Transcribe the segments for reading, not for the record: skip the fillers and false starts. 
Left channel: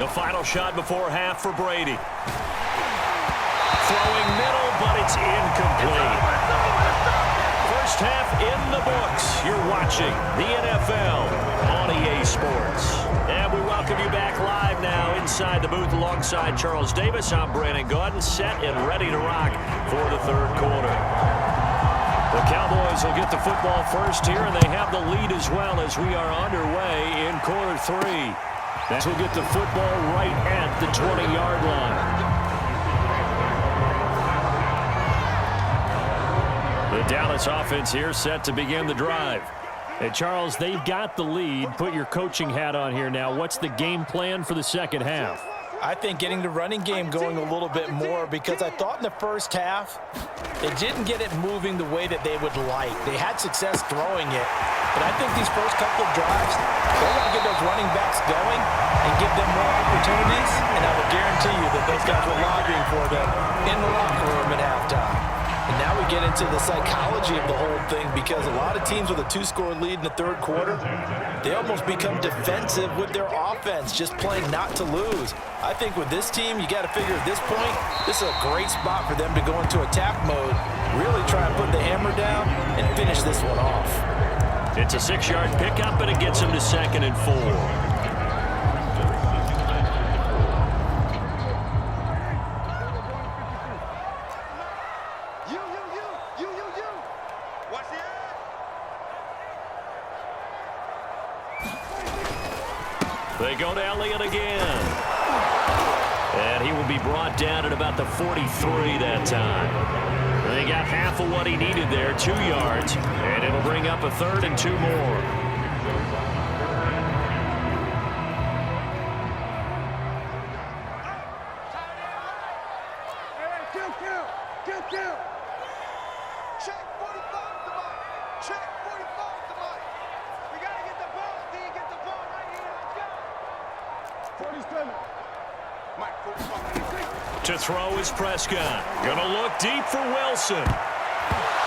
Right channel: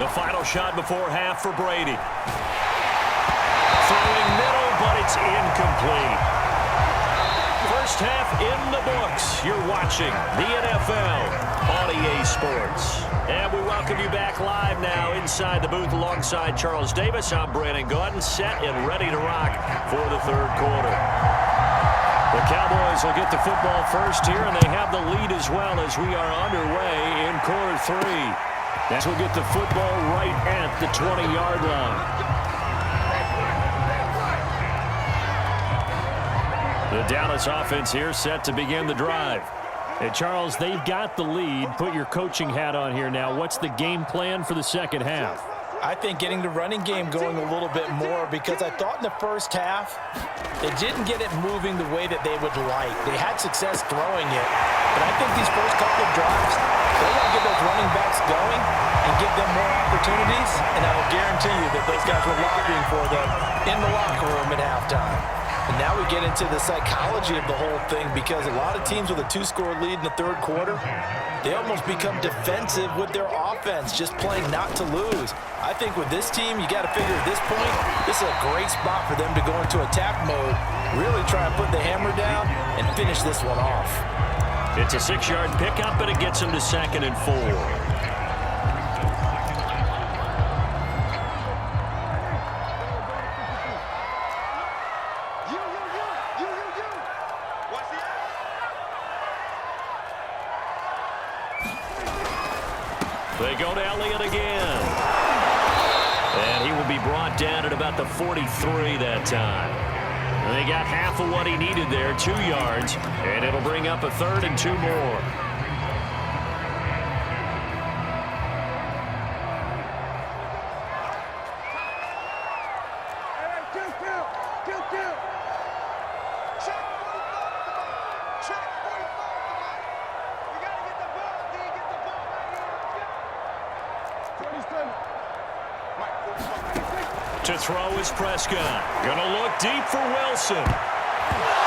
The final shot before half for Brady. Throwing middle, but it's incomplete. First half in the books. You're watching the NFL on EA Sports. And we welcome you back live now inside the booth alongside Charles Davis. I'm Brandon Gaudin, set and ready to rock for the third quarter. The Cowboys will get the football first here, and they have the lead as well as we are underway in quarter three. That will get the football right at the 20-yard line. The Dallas offense here set to begin the drive. Hey, Charles, they've got the lead. Put your coaching hat on here now. What's the game plan for the second half? I think getting the running game going a little bit more, because I thought in the first half they didn't get it moving the way that they would like. They had success throwing it, but I think these first couple of drives, they want to get those running backs going and give them more opportunities, and I will guarantee you that those guys were lobbying for them in the locker room at halftime. And now we get into the psychology of the whole thing, because a lot of teams with a two-score lead in the third quarter, they almost become defensive with their offense, just playing not to lose. I think with this team, you got to figure at this point, this is a great spot for them to go into attack mode, really try to put the hammer down and finish this one off. It's a 6-yard pickup, and it gets them to 2nd and 4. They go to Elliott again. And he will be brought down at about the 43 that time. And they got half of what he needed there, 2 yards. And it'll bring up a 3rd and 2 more. To throw is Prescott. Gonna look deep for Wilson. And a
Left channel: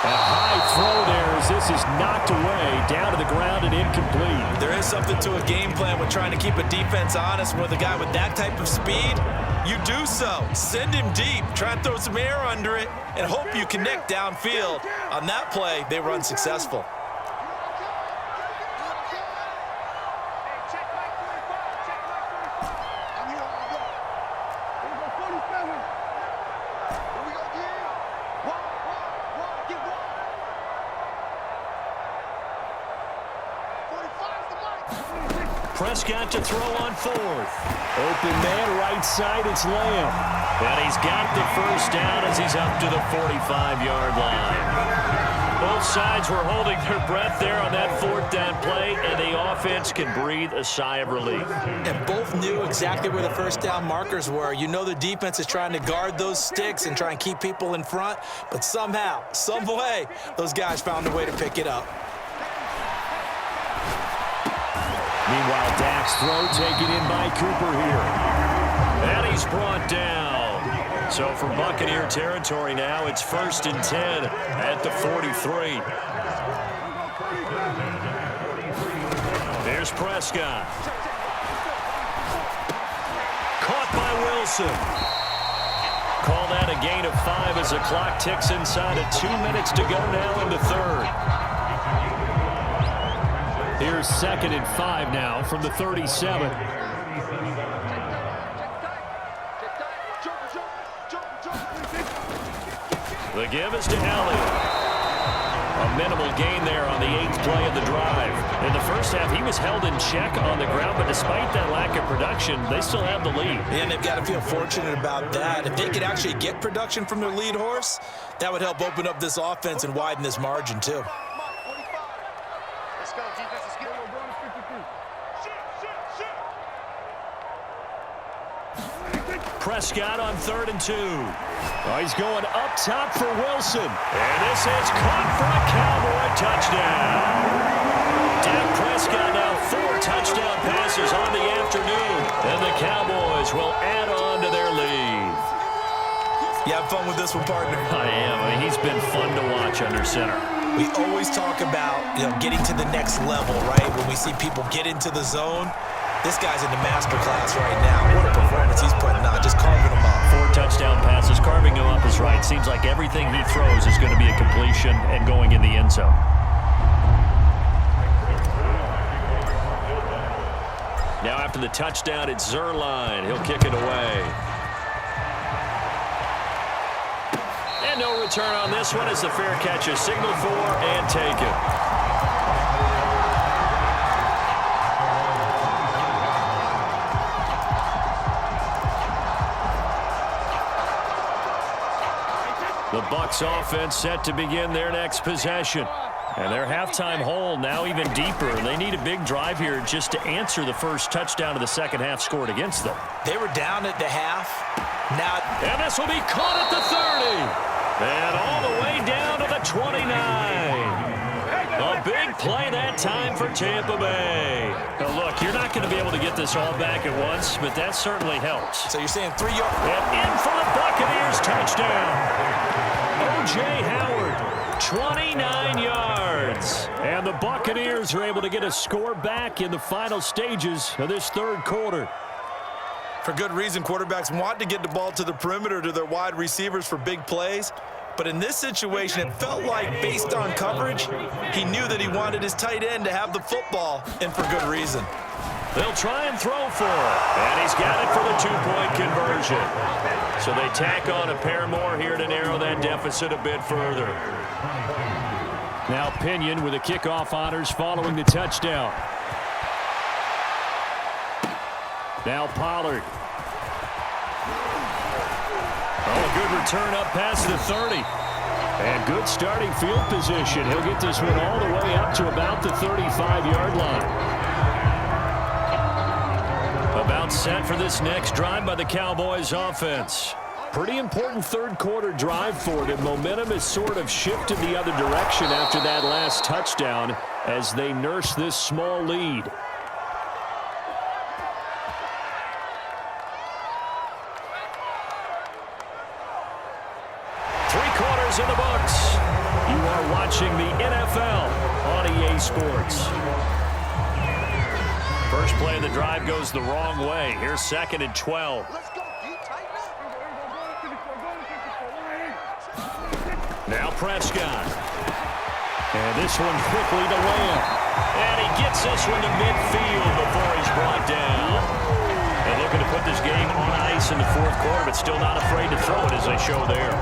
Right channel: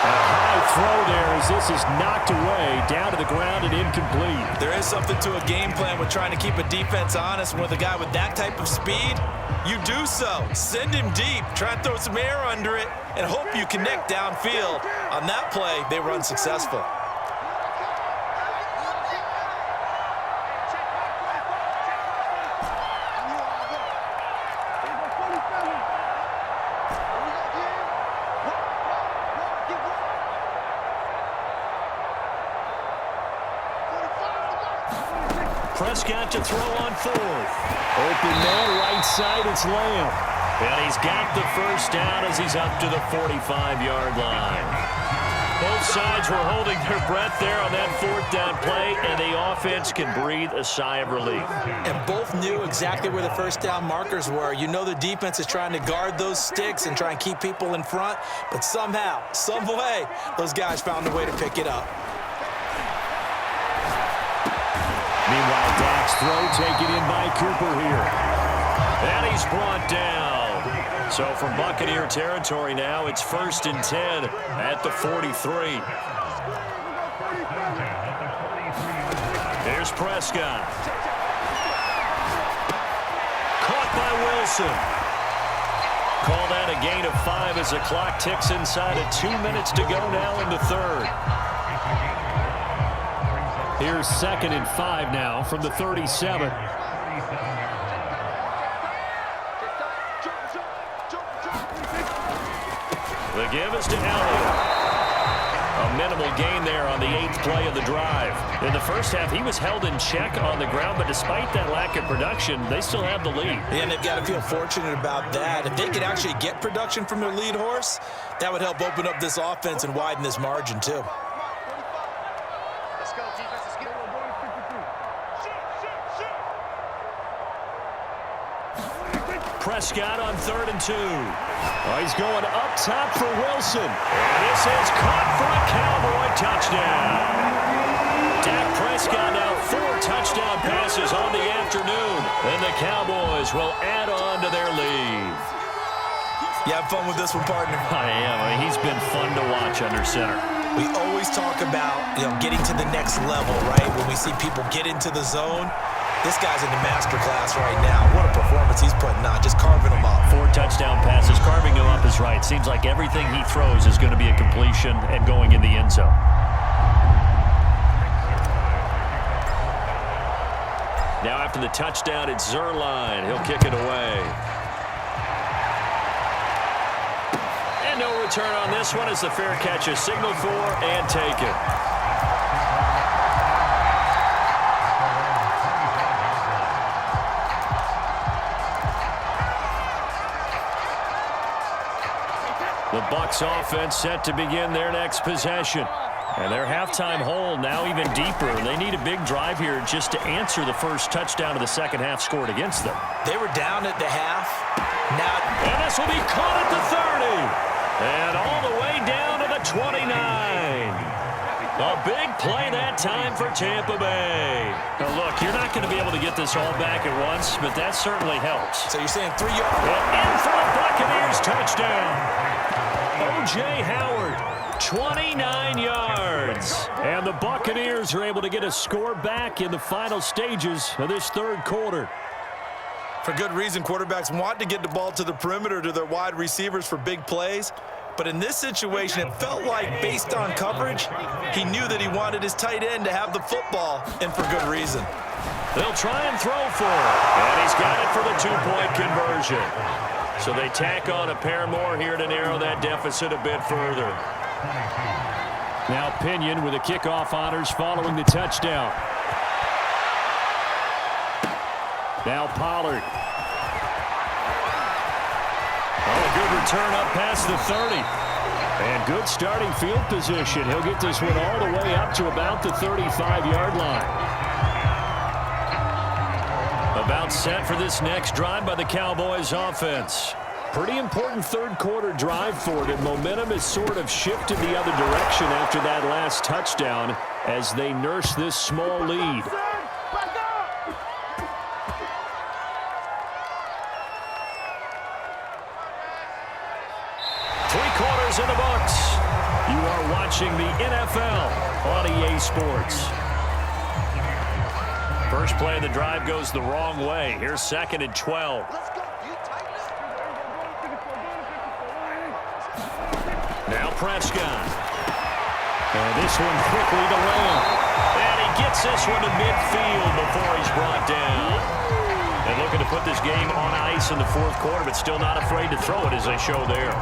high throw there as this is knocked away, down to the ground and incomplete. There is something to a game plan with trying to keep a defense honest. With a guy with that type of speed, you do so. Send him deep, try and throw some air under it, and hope you connect downfield. On that play, they run successful. Prescott to throw on 4th. Open man, right side, it's Lamb. And he's got the first down as he's up to the 45-yard line. Both sides were holding their breath there on that 4th down play, and the offense can breathe a sigh of relief. And both knew exactly where the first down markers were. You know the defense is trying to guard those sticks and try and keep people in front, but somehow, some way, those guys found a way to pick it up. Meanwhile, Dak's throw taken in by Cooper here. And he's brought down. So from Buccaneer territory now, it's 1st and 10 at the 43. Here's Prescott. Caught by Wilson. Call that a gain of 5 as the clock ticks inside of 2 minutes to go now in the third. Here's 2nd and 5 now from the 37. The give is to Elliott. A minimal gain there on the 8th play of the drive. In the first half, he was held in check on the ground, but despite that lack of production, they still have the lead. And they've got to feel fortunate about that. If they could actually get production from their lead horse, that would help open up this offense and widen this margin too. Let's go, defense. Let's get it. We're going to 53. Prescott on 3rd and 2. Oh, he's going up top for Wilson. And this is caught for a Cowboy touchdown. Dak Prescott now 4 touchdown passes on the afternoon. And the Cowboys will add on to their lead. You have fun with this one, partner? I am. I mean, he's been fun to watch under center. We always talk about, getting to the next level, right? When we see people get into the zone, This guy's in the master class right now. What a performance he's putting on, just carving them up. 4 touchdown passes. Carving him up is right. Seems like everything he throws is going to be a completion and going in the end zone. Now after the touchdown, it's Zerline. He'll kick it away. And no return on this one as the fair catch is signaled for and taken. The Bucs offense set to begin their next possession. And their halftime hole now even deeper. They need a big drive here just to answer the first touchdown of the second half scored against them. They were down at the half. Now, and this will be caught at the 30. And all the way down to the 29. A big play that time for Tampa Bay. Now look, you're not going to be able to get this all back at once, but that certainly helps. So you're saying 3 yards. And in for the Buccaneers touchdown. O.J. Howard, 29 yards. And the Buccaneers are able to get a score back in the final stages of this third quarter. For good reason, quarterbacks want to get the ball to the perimeter to their wide receivers for big plays. But in this situation, it felt like, based on coverage, he knew that he wanted his tight end to have the football, and for good reason. They'll try and throw for it. And he's got it for the 2-point conversion. So they tack on a pair more here to narrow that deficit a bit further. Now Pinion with the kickoff honors following the touchdown. Now Pollard. Oh, good return up past the 30. And good starting field position. He'll get this one all the way up to about the 35-yard line. About set for this next drive by the Cowboys offense. Pretty important third quarter drive for them. Momentum has sort of shifted the other direction after that last touchdown as they nurse this small lead. Three-quarters in the books. You are watching the NFL on EA Sports. First play of the drive goes the wrong way. Here's 2nd and 12. Now Prescott. And this one quickly to Lamb. And he gets this one to midfield before he's brought down. And looking to put this game on ice in the fourth quarter, but still not afraid to throw it as they show there.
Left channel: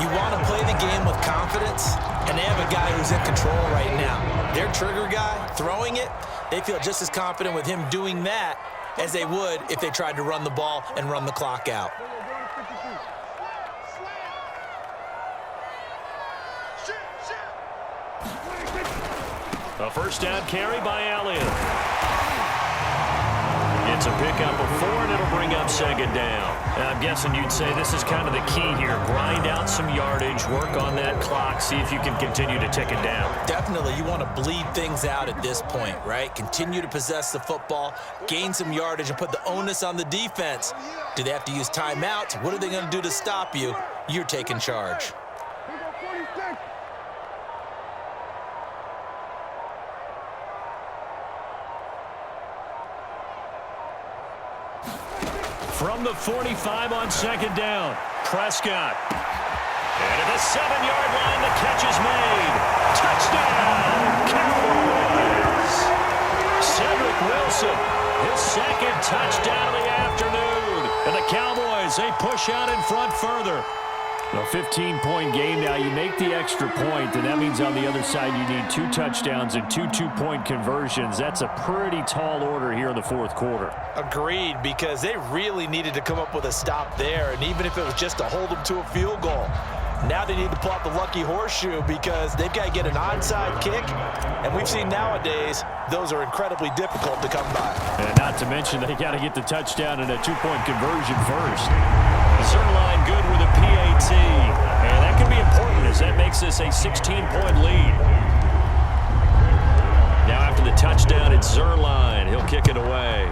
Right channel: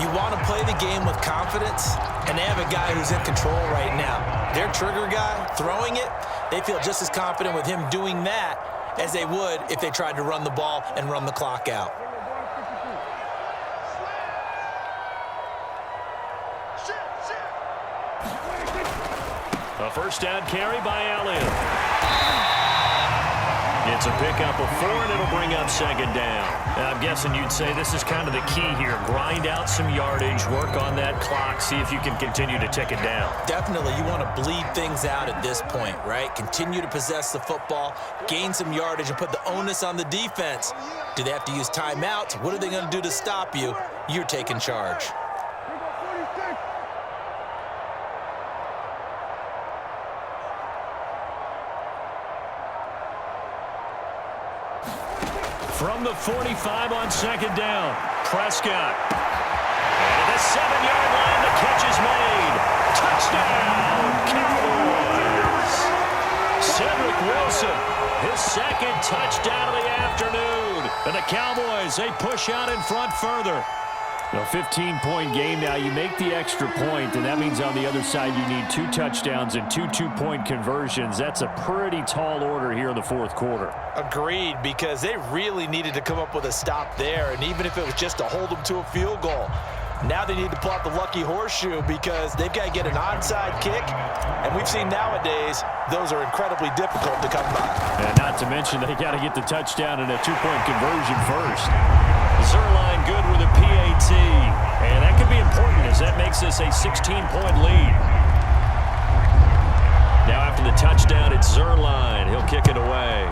You want to play the game with confidence, and they have a guy who's in control right now. Their trigger guy, throwing it, they feel just as confident with him doing that as they would if they tried to run the ball and run the clock out. A first down carry by Elliott. It's a pickup of 4, and it'll bring up 2nd down. And I'm guessing you'd say this is kind of the key here. Grind out some yardage, work on that clock, see if you can continue to tick it down. Definitely, you want to bleed things out at this point, right? Continue to possess the football, gain some yardage, and put the onus on the defense. Do they have to use timeouts? What are they going to do to stop you? You're taking charge. From the 45 on 2nd down, Prescott. And at the 7-yard line, the catch is made. Touchdown, Cowboys. Cedric Wilson, his 2nd touchdown of the afternoon. And the Cowboys, they push out in front further. A 15-point game now. You make the extra point, and that means on the other side you need 2 touchdowns and 2 2-point conversions. That's a pretty tall order here in the fourth quarter. Agreed, because they really needed to come up with a stop there, and even if it was just to hold them to a field goal. Now they need to pull out the lucky horseshoe because they've got to get an onside kick, and we've seen nowadays those are incredibly difficult to come by. And not to mention they got to get the touchdown and a 2-point conversion first. Zerline good with a PAT, and that could be important as that makes this a 16-point lead. Now after the touchdown, it's Zerline. He'll kick it away.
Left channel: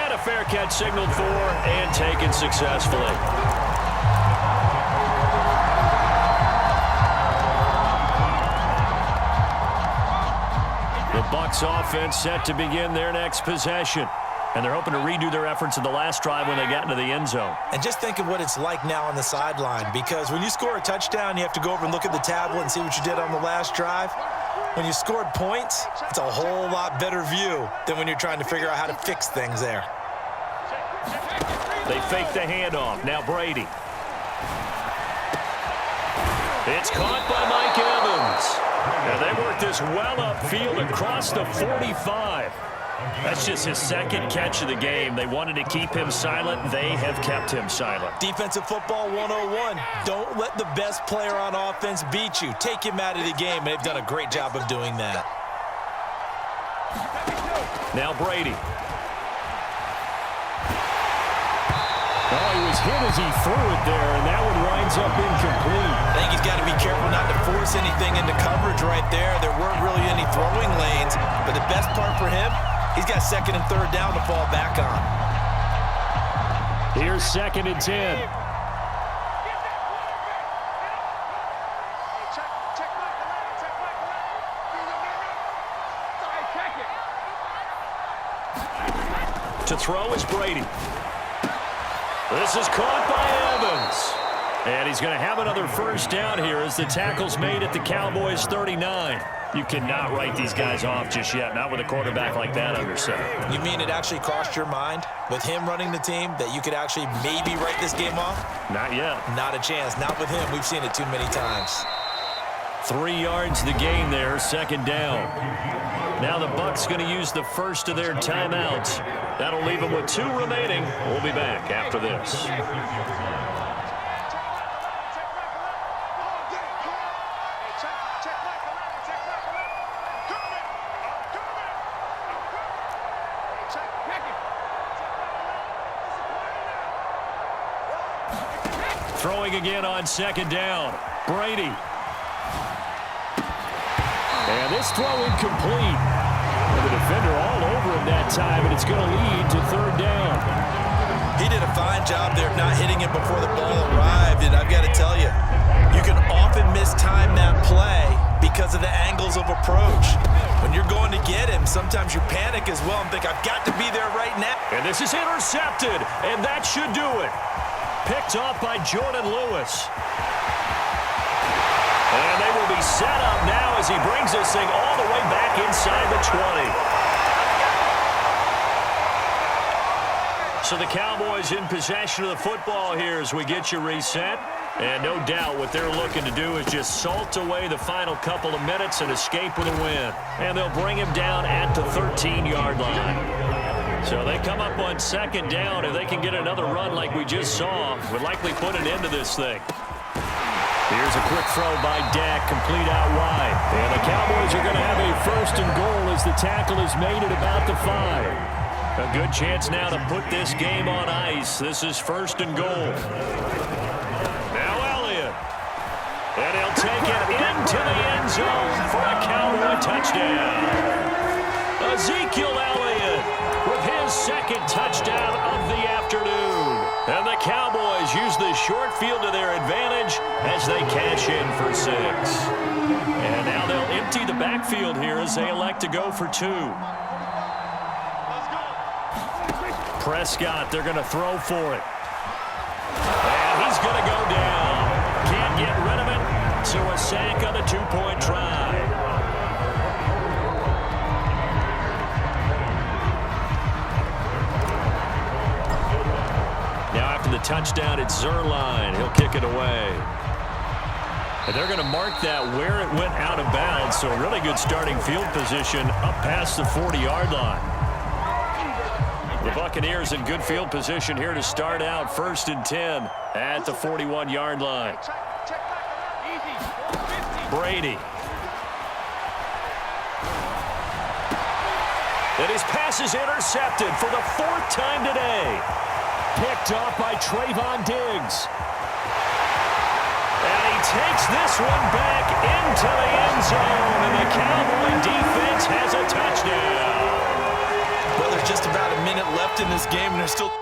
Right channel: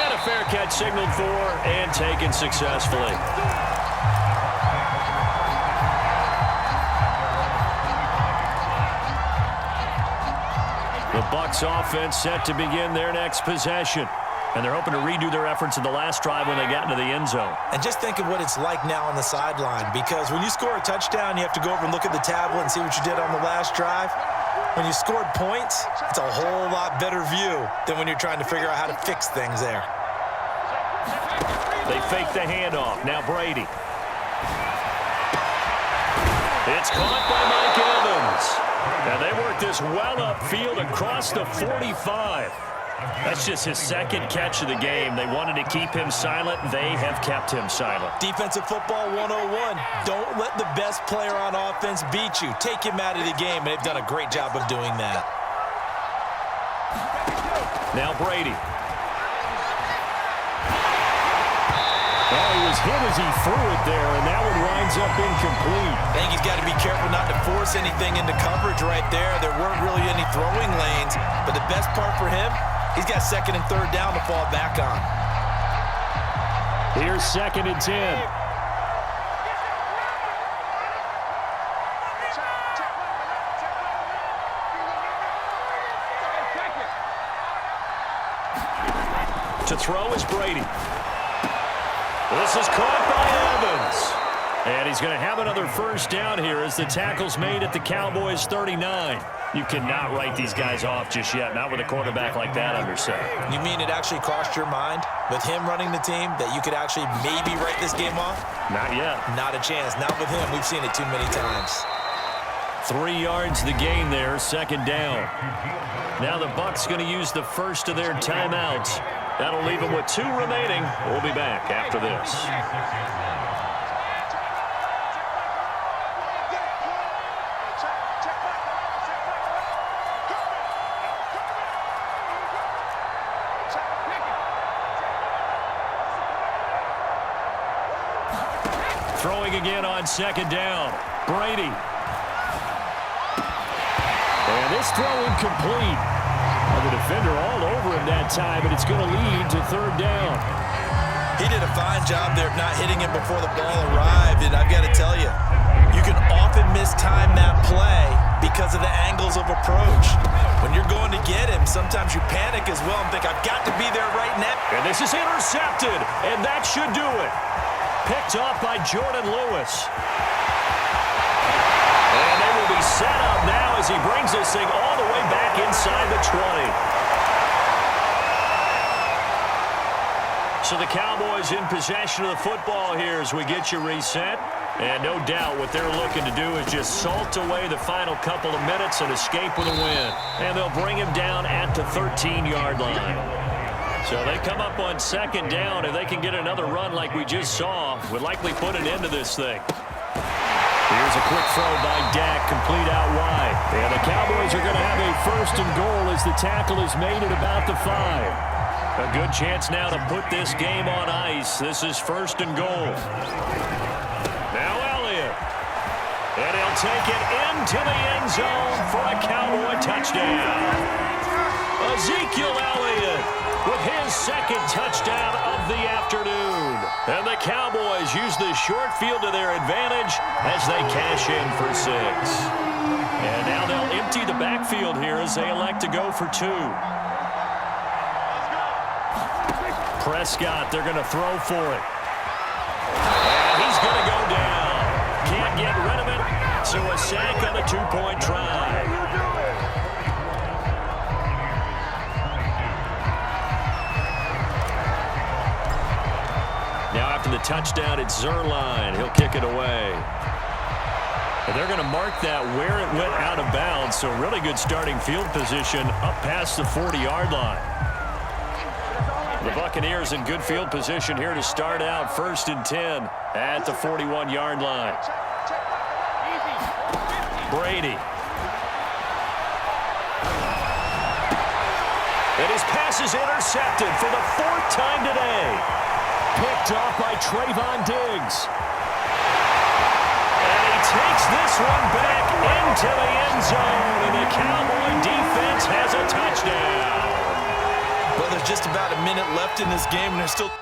And a fair catch signaled for and taken successfully. The Bucs offense set to begin their next possession. And they're hoping to redo their efforts in the last drive when they got into the end zone. And just think of what it's like now on the sideline, because when you score a touchdown, you have to go over and look at the tablet and see what you did on the last drive. When you scored points, it's a whole lot better view than when you're trying to figure out how to fix things there. They fake the handoff. Now Brady. It's caught by Mike Evans. And they work this well upfield across the 45. That's just his second catch of the game. They wanted to keep him silent. They have kept him silent. Defensive football 101. Don't let the best player on offense beat you. Take him out of the game, and they've done a great job of doing that. Now Brady. Oh, he was hit as he threw it there, and that one winds up incomplete. I think he's got to be careful not to force anything into coverage right there. There weren't really any throwing lanes, but the best part for him, he's got second and third down to fall back on. Here's 2nd and 10. To throw is Brady. This is caught by Evans. And he's going to have another first down here as the tackle's made at the Cowboys' 39. You cannot write these guys off just yet, not with a quarterback like that under center. You mean it actually crossed your mind with him running the team that you could actually maybe write this game off? Not yet. Not a chance. Not with him. We've seen it too many times. 3 yards the gain there, 2nd down. Now the Bucs going to use the first of their timeouts. That'll leave them with 2 remaining. We'll be back after this. Throwing again on 2nd down. Brady. And this throw incomplete. And the defender all over him that time, and it's going to lead to 3rd down. He did a fine job there of not hitting it before the ball arrived, and I've got to tell you, you can often mistime that play because of the angles of approach. When you're going to get him, sometimes you panic as well and think, I've got to be there right now. And this is intercepted, and that should do it. Picked off by Jordan Lewis. And they will be set up now as he brings this thing all the way back inside the 20. So the Cowboys in possession of the football here as we get you reset. And no doubt what they're looking to do is just salt away the final couple of minutes and escape with a win. And they'll bring him down at the 13-yard line. So they come up on 2nd down. If they can get another run like we just saw, would likely put an end to this thing. Here's a quick throw by Dak, complete out wide. And the Cowboys are going to have a 1st and goal as the tackle is made at about the 5. A good chance now to put this game on ice. This is 1st and goal. Now Elliott. And he'll take it into the end zone for a Cowboy touchdown. Ezekiel Elliott with his 2nd touchdown of the afternoon. And the Cowboys use the short field to their advantage as they cash in for 6. And now they'll empty the backfield here as they elect to go for 2. Prescott, they're going to throw for it. And he's going to go down. Can't get rid of it, so a sack on the 2-point try. Now after the touchdown, it's Zerline. He'll kick it away. And they're going to mark that where it went out of bounds. So really good starting field position up past the 40-yard line. The Buccaneers in good field position here to start out 1st and 10 at the 41-yard line. Brady. And his pass is intercepted for the 4th time today. Picked off by Trayvon Diggs. And he takes this one back into the end zone, and the Cowboy defense has a touchdown. Well, there's just about a minute left in this game, and there's still